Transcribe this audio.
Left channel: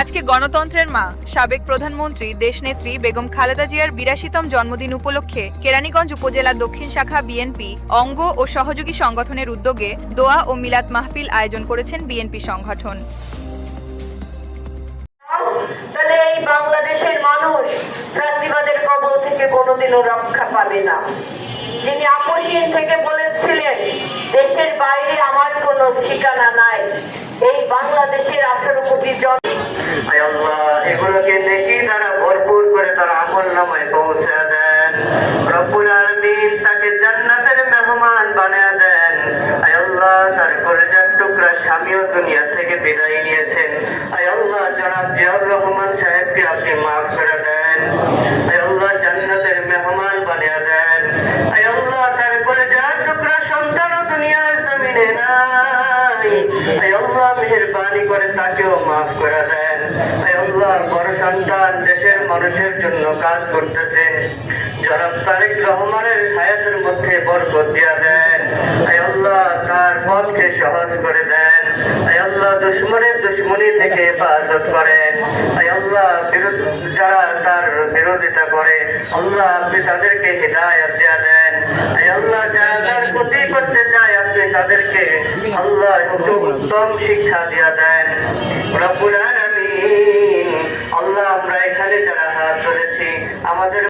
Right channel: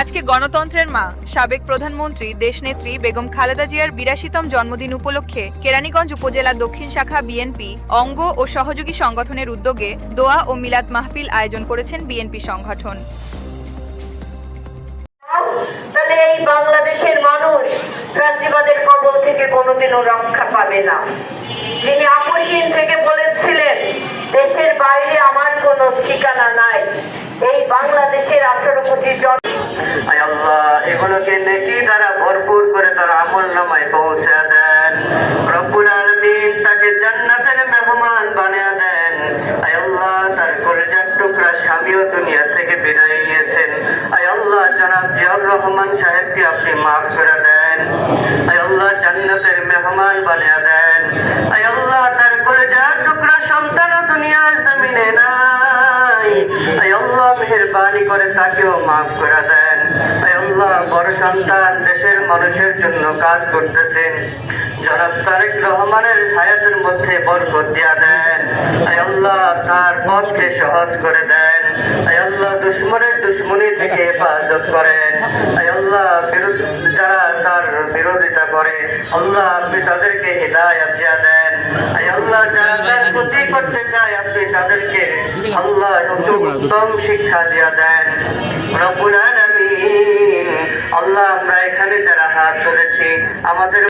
আজকে গণতন্ত্রের মা সাবেক প্রধানমন্ত্রী দেশনেত্রী বেগম খালেদা জিয়ার ৮২তম জন্মদিন উপলক্ষে কেরানীগঞ্জ উপজেলা দক্ষিণ শাখা বিএনপি অঙ্গ ও সহযোগী সংগঠনের উদ্যোগে দোয়া ও মিলাদ মাহফিল আয়োজন করেছেন বিএনপি সংগঠন। তাহলে এই বাংলাদেশের মানুষ ফ্যাসিবাদের কবল থেকে কোনোদিনও রক্ষা পাবে না। যিনি আপসহীন থেকে বলেছিলেন দেশের বাইরে আমার কোনো ঠিকানা নাই, এই বাংলাদেশের 18 কোটি জন এগুলোকে নেকি দ্বারা ভরপুর করে তার আমল নামায় পৌঁছে দেন। রব্বুল আলামিন তাকে জান্নাতের মেহমান বানিয়ে দেন। আয় আল্লাহ, তার কলেজার টুকরা স্বামীও দুনিয়া থেকে বিদায় নিয়েছেন। আয় আল্লাহ, জনাব জিয়াউর রহমান সাহেবকে আপনি মাফ করে দেন। আয় আল্লাহ, জান্নাতের মেহমান বানিয়ে দেন। আয় আল্লাহ, তার কলেজার টুকরা সন্তানও দুনিয়ার জমিনে নাই। আয় আল্লাহ, মেহেরবানি করে তাকেও মাফ করে দেন। আয় আল্লাহ, বড় সন্তান দেশের মানুষের জন্য কাজ করতেছেন, জনাব তারেক রহমানের হায়াতের মধ্যে বরকত দিয়া দেন। আয় আল্লাহ, তার পথকে সহজ করে দেন। আয় আল্লাহ, দুশ্মনের দুশ্মনী থেকে হেফাজত করেন। আয় আল্লাহ, যারা তার বিরোধিতা করে আল্লাহ আপনি তাদেরকে হিদায়াত দিয়া দেন। আয় আল্লাহ, যারা তার ক্ষতি করতে চায় আপনি তাদেরকে আল্লাহ উত্তম শিক্ষা দিয়া দেন। রব্বুল আলামিন, আল্লাহ আমরা এখানে যারা হাত তুলেছি আমাদের